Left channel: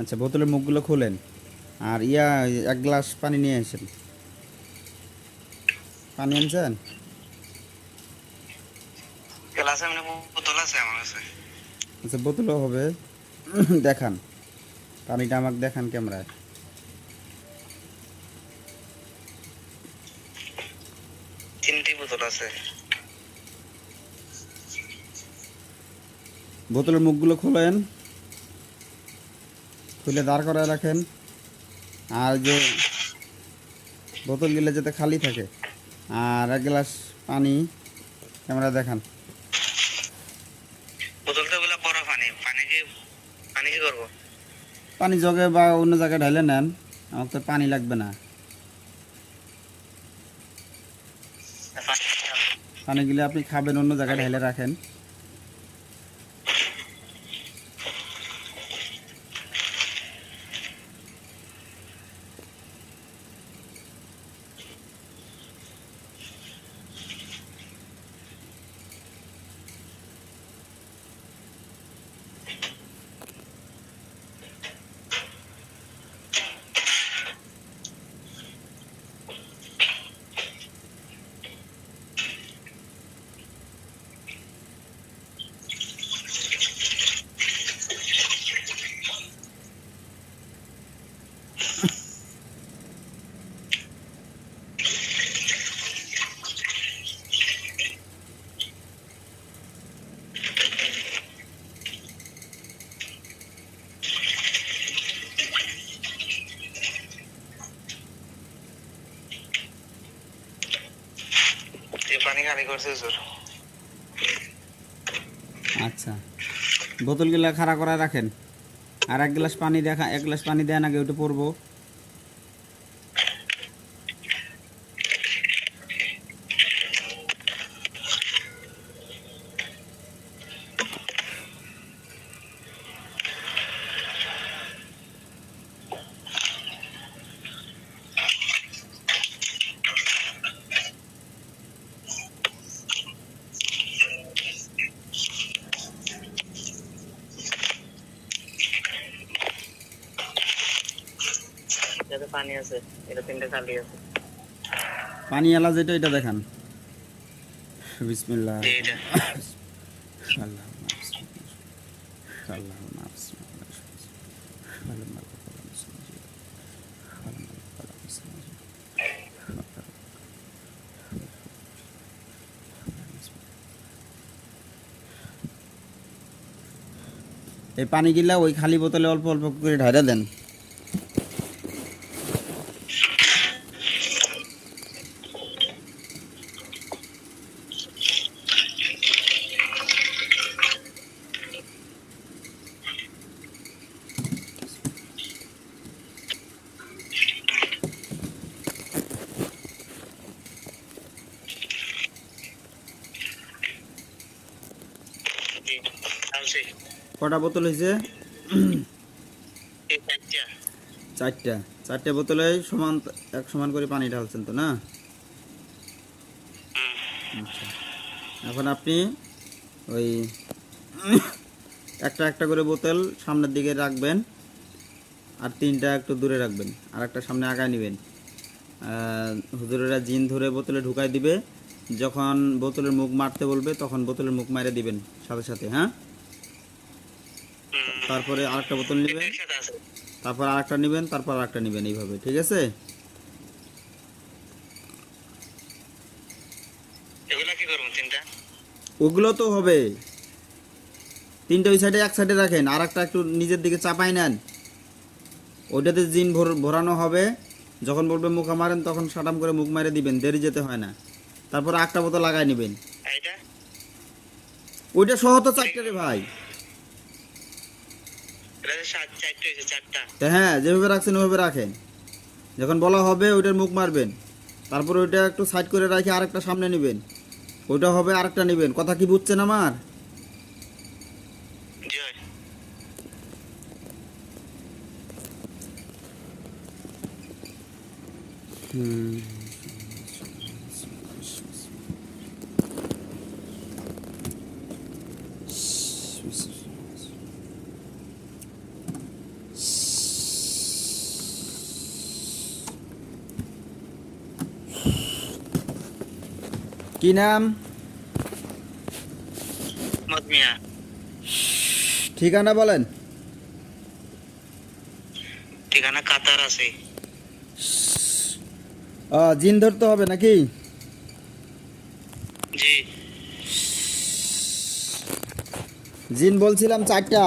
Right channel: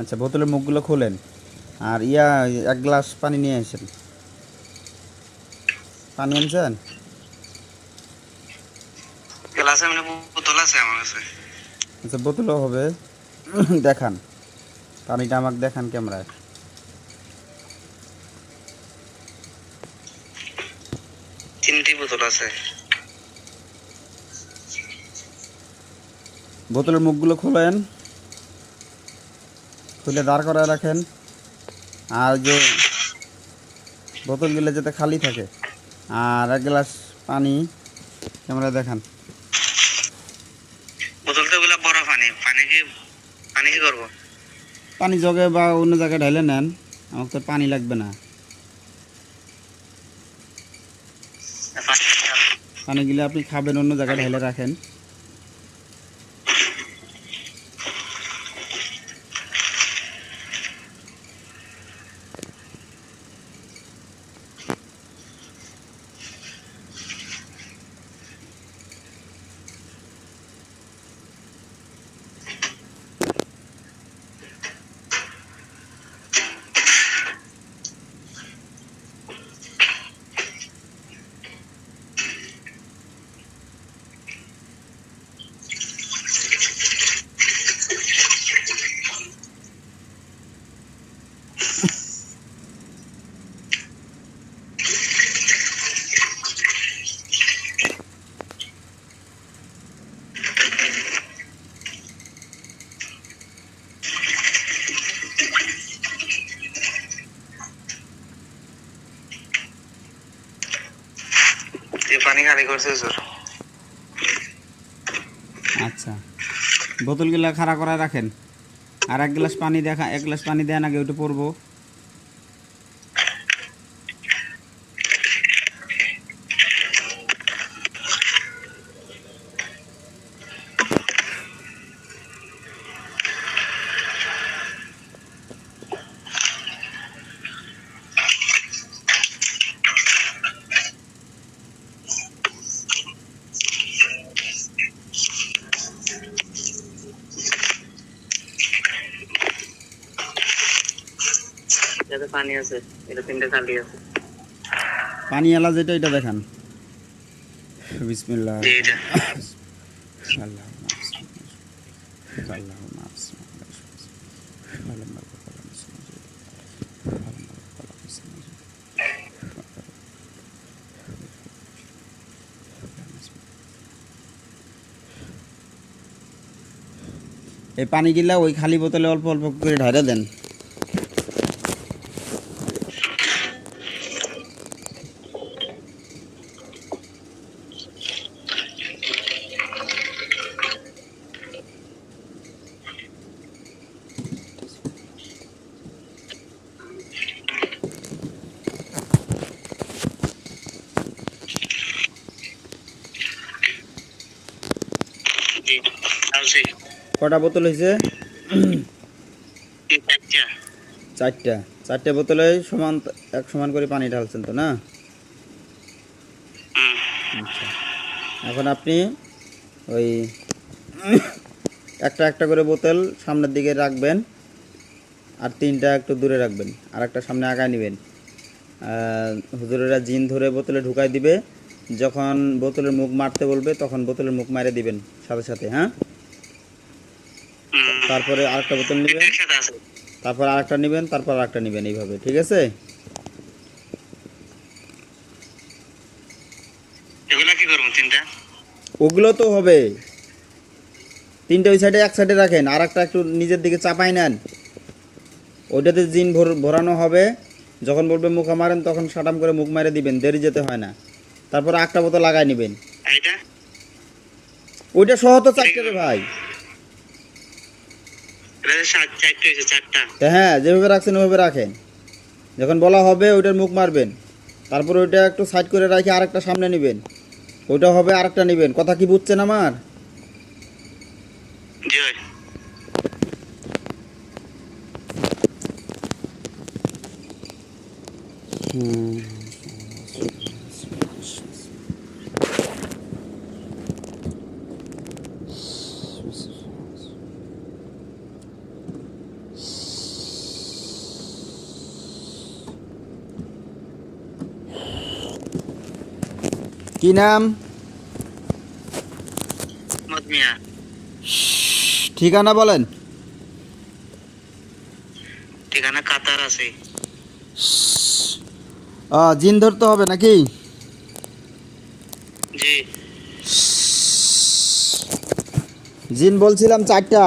আচ্ছা, বোতলের মুখগুলো খোলেন আর ইয়া এক গ্লাস পানি নিয়ে আসেন। পানি আনছেন? গ্লাসে মানে বোতল আছে আমার কাছে। আচ্ছা, বোতলও হবে। দেখান, পানিটা আমাকে দেখান ক্যামেরায়। তিনটি বোতল আছে। বোতলের মুখগুলো খোলেন, খুলে দাঁড় করায় রাখেন। আর যে বোতলগুলো যাতে খালি থাকে। আর এক গ্লাস পানি ক্যামেরায় দেখান। বোতল তো ওগুলা বড় পানি, পানি কি করবো? পানি জগে বা অন্য জায়গায় ঢালে নেন, আমার তো পানি লাগবে না। পানিগুলো আপনি খাবেন, অন্য জায়গায় ঢালে রাখেন। পানি খালি করছে স্যার। আচ্ছা, বোতলগুলো খাড়া করে রাখেন। আর এক গ্লাস পানি দেখা, এক গ্লাস পানি দেন আগে, ওইটা পড়বো। যাতে পানি আছে, এটা তিনটে খালি আছে। পানি এলা যেটা, এটা দেখান। বিসমিল্লাহ। এইটা আল্লাহ আল্লাহ এই পানিগুলা ওই খালি বোতলে অল্প অল্প করে ঢাইরা দেন। কটা বোতল হয়েছে? চারটা। চারটে বোতলে সমান, এক সমান করে পানি ঢালছেন তো না? আচ্ছা, এখন আপনি ওই একটা একটা করে বোতল সামনের দিকে রাখবেন, আর তিনটা একটু দূরে রাখবেন, আর একটা সামনে আগায় নেবেন। হুজুরেরা জিন ধরে বোতলে ঢুকাই দিবে। যখন বোতলের মুখ মারতে বলবে তখন বোতলের মুখ মারে দিবেন সাথে সাথে। হ্যাঁ, তারপরে আরেকটা বোতল নেবেন, তারপর আরেকটা নেবেন, তারপর আরেকটা নেবেন, এইভাবে। ঠিক আছে? এগুলা কি করব? তিনটা ওগুলো তো হবে। তিনটা ওই সাইডে, এক সাইডে রাখেন, আর একটা একটু নিজের দিকে চাপাই নেন। ওইটাতে জিন ভরানো হবে। যখন বলবে মুখা মারেন তখন সাটাম করে মুখ মারে দিবেন, দেরি যেতে হয় না। তারপর একটা বোতল লাগাই নেবেন। এইটা ওইটা সহ তো চারটে রে ভাই। এটা চারটা হয়েছে, চারটা। হ্যাঁ, যেভাবে রাখছেন ওইভাবে রাখেন। যখন বলা হবে ওইটার মুখ মারবেন, তারপর ওইটা একটু সাইড করে রাখি, আরেকটা সামনে নেবেন, ওইটা হবে, আরেকটা নেবেন। কথা কি বুঝছেন আমার? জি ভাই। কি নাম? মত মিয়া। ঠিকানা বলেন। ঠিকানা কাতার আছে। জিন ধরতে হবে নাকি? জি। জিন বলছিলাম 4টা।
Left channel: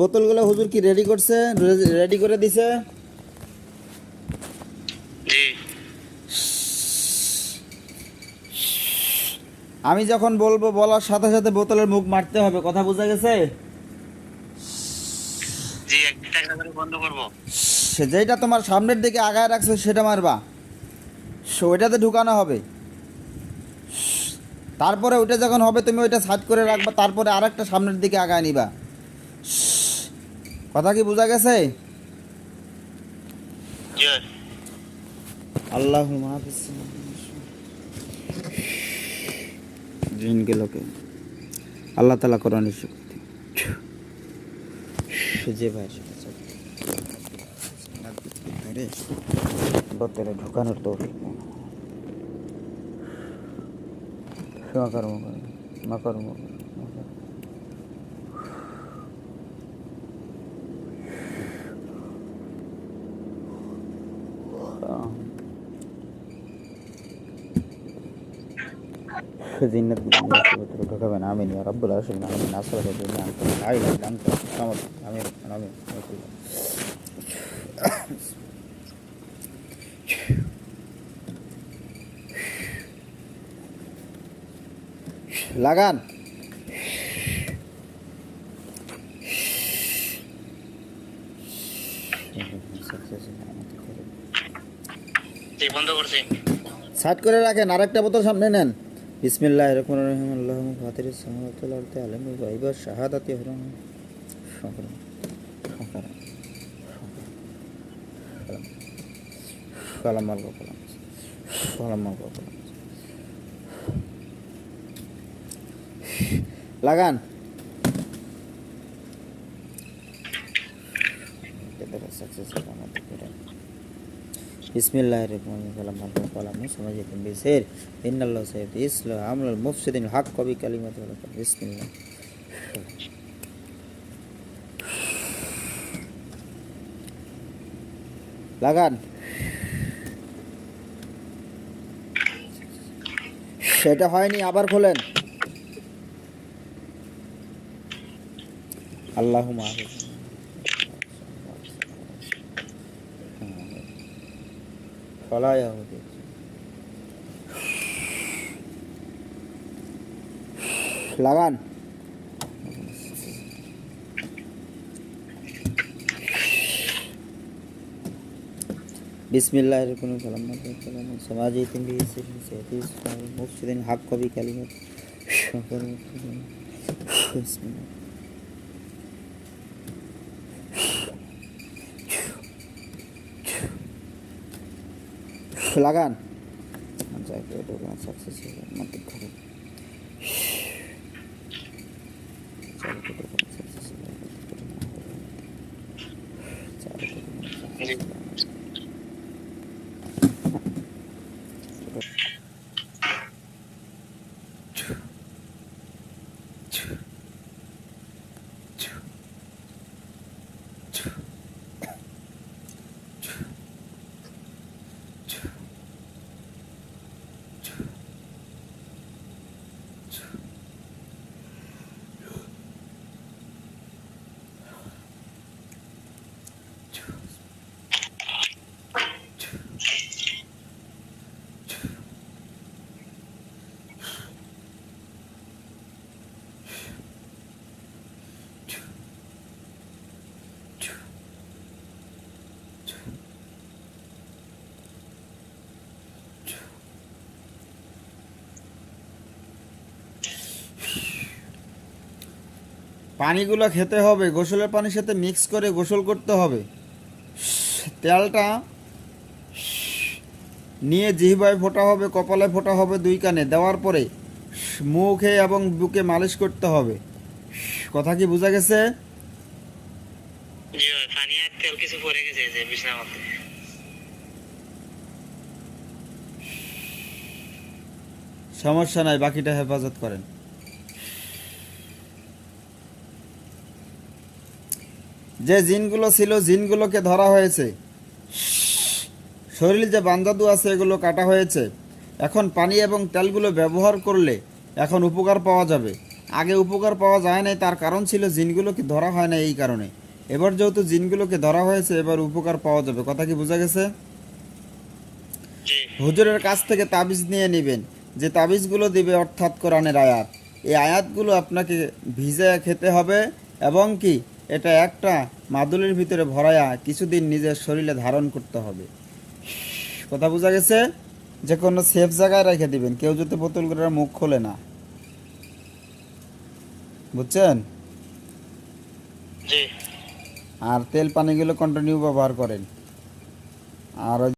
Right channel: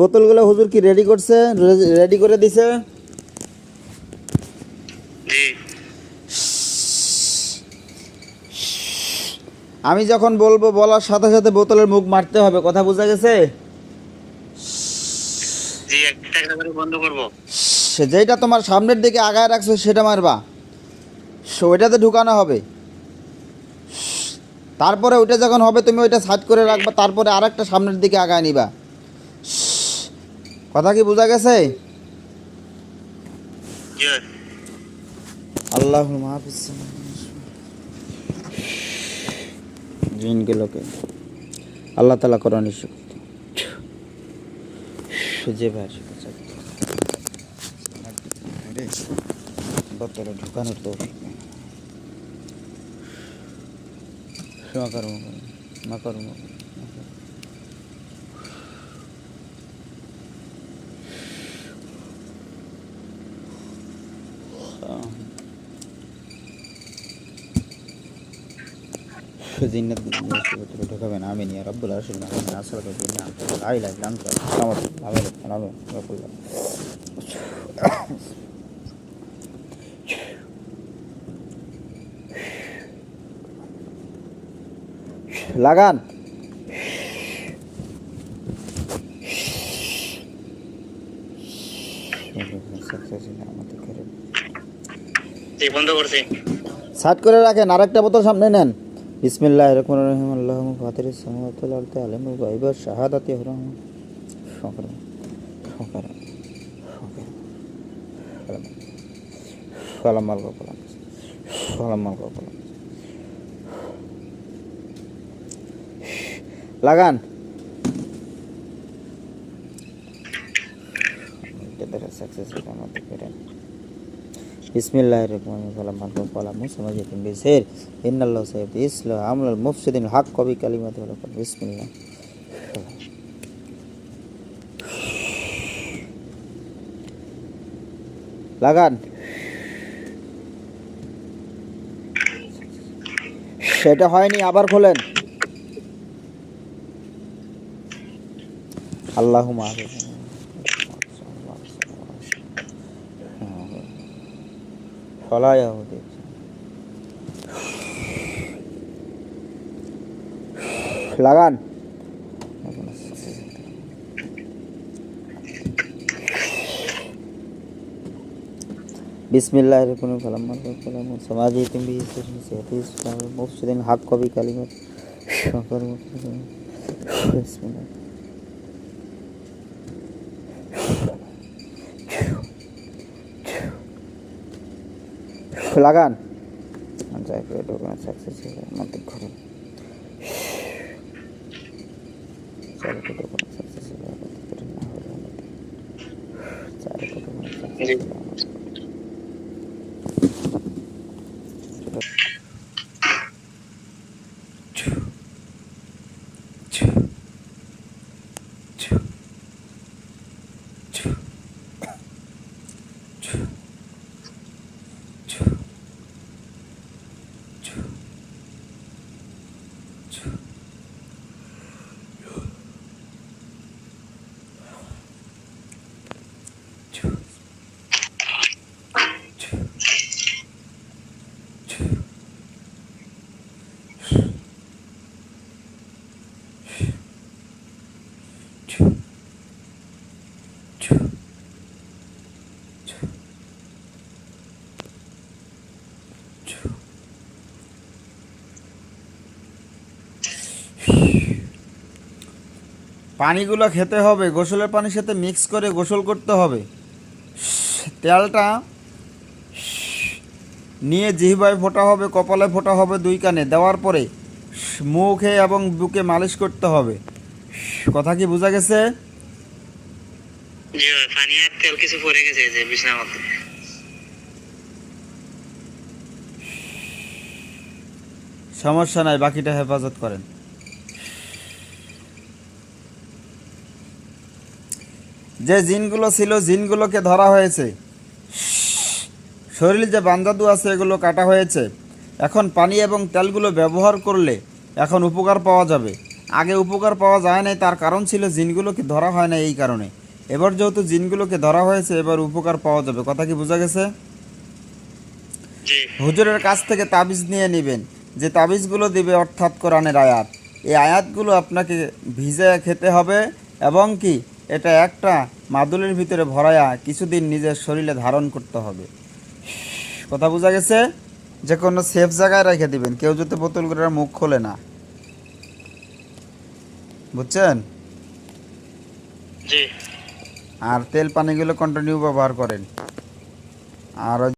বোতলগুলো হুজুর কি রেডি করছে? রেডি করে দিছে? জি। আমি যখন বলবো বলার সাথে সাথে বোতলের মুখ মারতে হবে, কথা বোঝা গেছে? জি, একটা একটা করে বন্ধ করবো। যেটা তোমার সামনের দিকে আগায় রাখছো সেটা মারবা, ওইটাতে ঢুকানো হবে। তারপরে ওইটা যখন হবে তুমি ওইটা সাইড করে রাখবা, তারপরে আরেকটা সামনের দিকে আগায় নিবা। কথা কি বোঝা গেছে? জি। আল্লাহ মাহফিজ। জিনগুলোকে আল্লাহ তালা কোরআনে শিখতে যে ভাই বোতলে ঢুকানোর তো মাকর্ম জিন্নাত ভিতরে ঢোকাবেন। আমিন ইয়া রাব্বুল আলামিন। আমিন আসসালাতু বিল্লাহ লা ইলাহা ইল্লা আনতা সামাদ। আমিন আমিন রাব্বুল্লাহ। লাগান। জি, বন্ধ করছি। সাইড করে রাখেন, আরেকটা বোতল সামনে নেন। বিসমিল্লাহির রহমানির রহিম। আল্লাহুম্মা ফাতিরিস সামাওয়াতি ওয়াল আরদি আলিমুল গায়বি ওয়াশ শাহাদাতি হুরাম শুকরান শুকরান সালাম আলাইকুম সালাম আলাইকুম। লাগান। সাকসেসফুল আমাদের করেন। বিসমিল্লাহির রহমানির রহিম। আল্লাহু তাআলা মুসামাজিতিন বিসির ইন্নাল্লাহু সাইয়্যিদু ইসলাহ আমলুল মুফসিদিন হক কবি কালিমাতু ওয়া বিসমিল্লাহ। লাগান। সেটা হয়নি, আবার খোলেন। আল্লাহুম্মা ফলা ইয়াহুদি। লাগান। বিসমিল্লাহির রহমানির রহিম। কালাম সমাজি তুমি মুফসিদিন হক কবি কালিমাত বিসমিল্লাহ। লাগান। সাকসেসফুল আমাদের ঘরে জি। পানিগুলো খেতে হবে, গোসলের পানির সাথে মিক্স করে গোসল করতে হবে। তেলটা নিয়ে জিহ্বায় ফোঁটা হবে, কপালে ফোঁটা হবে, 2 কানে দেওয়ার পরে মুখে এবং বুকে মালিশ করতে হবে। কথা কি বোঝা গেছে? জি, পানি আর তেল কিছু পড়ে গেছে যে বিছানার মধ্যে। সমস্যা নাই, বাকিটা হেফাজত করেন। যে জিনগুলো ছিল জিনগুলোকে ধরা হয়েছে, শরীরে যে বান্দাদু আছে এগুলো কাটা হয়েছে। এখন পানি এবং তেলগুলো ব্যবহার করলে এখন উপকার পাওয়া যাবে। আগে উপকার পাওয়া যায় নাই, তার কারণ ছিল জিনগুলোকে ধরা হয় না এই কারণে। এবার যেহেতু জিনগুলোকে ধরা হয়েছে এবার উপকার পাওয়া যাবে। কথা কি বোঝা গেছে? জি হুজুরের কাছ থেকে তাবিজ নিয়ে নেবেন, যে তাবিজগুলো দিবে অর্থাৎ কোরআনের আয়াত। এই আয়াতগুলো আপনাকে ভিজায় খেতে হবে এবং কি এটা একটা মাদুলির ভিতরে ভরায়া কিছুদিন নিজের শরীরে ধারণ করতে হবে। কথা বোঝা গেছে? যে কোনো সেফ জায়গায় রেখে দিবেন, কেউ যাতে বোতলগুলোর মুখ খোলে না। বুঝছেন? জি আর তেল পানিগুলো কন্টিনিউ ব্যবহার করেন। আর